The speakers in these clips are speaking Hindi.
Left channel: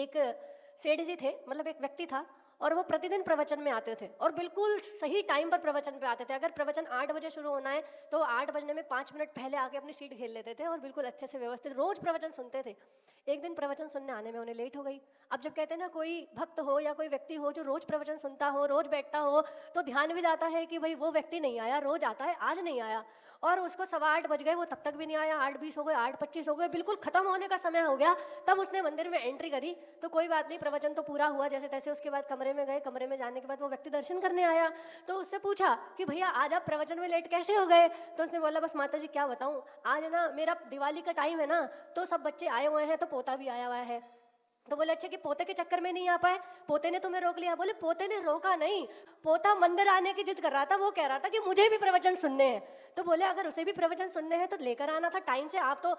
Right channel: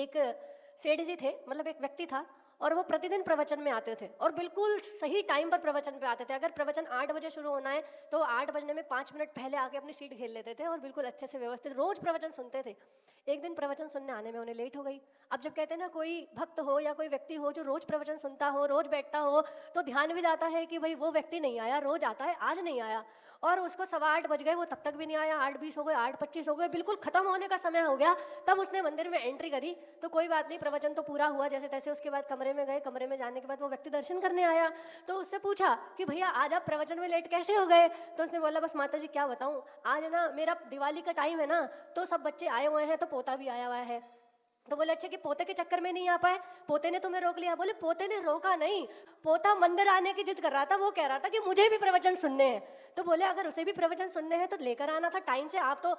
एक सेठ जी थे, मतलब एक व्यक्ति था, और वो प्रतिदिन प्रवचन में आते थे और बिल्कुल सही टाइम पर प्रवचन पे आते थे। अगर प्रवचन 8 बजे शुरू होना है तो 8 बजने में 5 मिनट पहले आके अपनी सीट खेल लेते थे और बिल्कुल अच्छे से व्यवस्थित रोज प्रवचन सुनते थे। एक दिन प्रवचन सुनने आने में उन्हें लेट हो गई। अब जब कहते हैं ना कोई भक्त हो या कोई व्यक्ति हो जो रोज प्रवचन सुनता हो, रोज बैठता हो, तो ध्यान भी जाता है कि भाई वो व्यक्ति नहीं आया, रोज आता है, आज नहीं आया। और उसको 8:15 बज गए, वो तब तक भी नहीं आया। 8:20 हो गए, 8:25 हो गए, बिल्कुल खत्म होने का समय हो गया। तब उसने मंदिर में एंट्री करी। तो कोई बात नहीं, प्रवचन तो पूरा हुआ जैसे तैसे। उसके बाद कमरे में गए, कमरे में जाने के बाद वो व्यक्ति दर्शन करने आया। तो उससे पूछा कि भैया आज आप प्रवचन में लेट कैसे हो गए? तो उसने बोला बस माता जी क्या बताऊं, आज ना मेरा दिवाली का टाइम है ना, तो सब बच्चे आए हुए हैं, तो पोता भी आया हुआ है। तो बोले अच्छा कि पोते के चक्कर में नहीं आ पाए, पोते ने तुम्हें रोक लिया? बोले पोते ने रोका नहीं, पोता मंदिर आने की जिद कर रहा था। वो कह रहा था कि मुझे भी प्रवचन सुनने हैं। तो बोले अगर उसे भी प्रवचन सुनने हैं तो लेकर आना था टाइम से, आप तो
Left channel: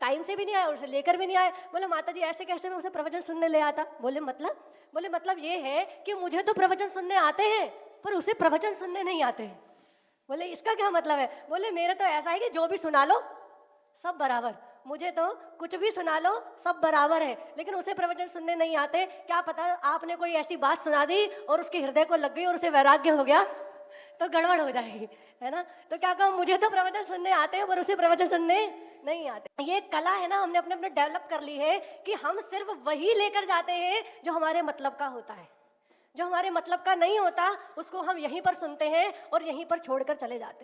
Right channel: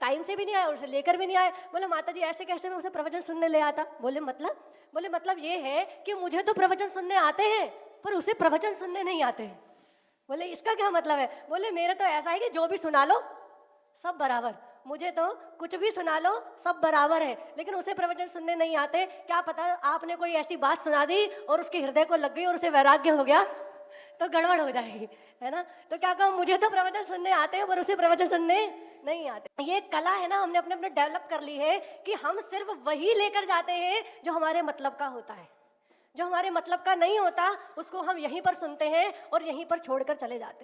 टाइम से भी नहीं आए, उसे लेकर भी नहीं आए। बोले माता जी ऐसे कैसे मैं उसे प्रवचन सुनने ले आता? बोले मतलब ये है कि मुझे तो प्रवचन सुनने आते हैं पर उसे प्रवचन सुनने नहीं आते हैं। बोले इसका क्या मतलब है? बोले मेरा तो ऐसा है कि जो भी सुना लो सब बराबर, मुझे तो कुछ भी सुना लो सब बराबर है, लेकिन उसे प्रवचन सुनने नहीं आते। क्या पता आपने कोई ऐसी बात सुना दी और उसके हृदय को लग गई और उसे वैराग्य हो गया तो गड़बड़ हो जाएगी, है ना? तो क्या कहूँ, मुझे तो प्रवचन सुनने आते हैं पर उसे प्रवचन सुनने नहीं आते। ये कला है ना, हमने अपने अपने डेवलप कर ली है कि हम सिर्फ वही लेकर जाते हैं जो हमारे मतलब का होता है। जो हमारे मतलब का नहीं होता उसको हम यहीं पर सुनते हैं और यहीं पर छोड़कर चले जाते हैं।